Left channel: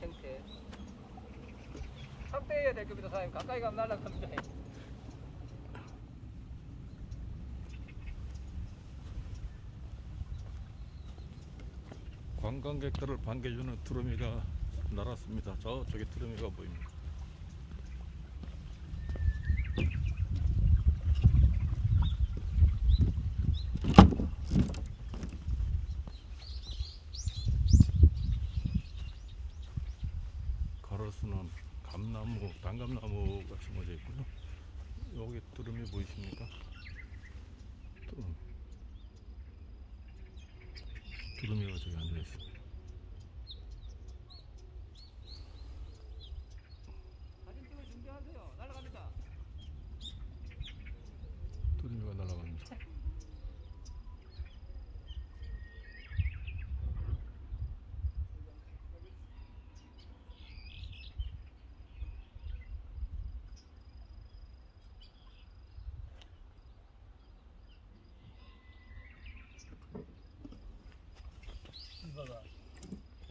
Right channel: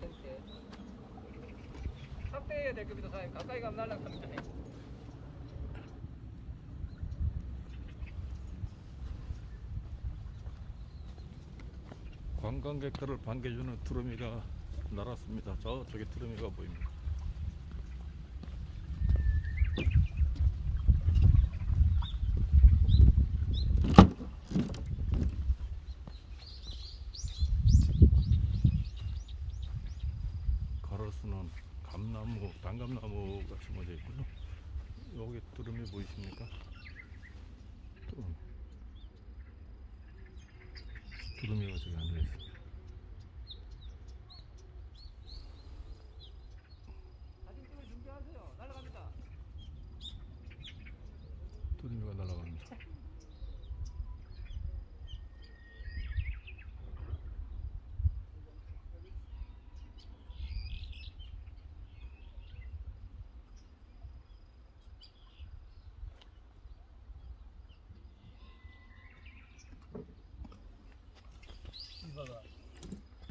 서 있대. 확대해야 될 겁니다, 사장님. 가까이 가면 날아가는데. 관광객들을 반겨주는 두루미가 날았습니다. 저쪽에 두루미가 보입니다. 가로수는 감나무, 단감나무가 심어져 있고요. 여기 두루미 보이십니까? 두루미가 저기 앉아 있습니다. 사진 찍을 준비하세요. 날아갑니다. 두루미가 날아갑니다. 이봐봐.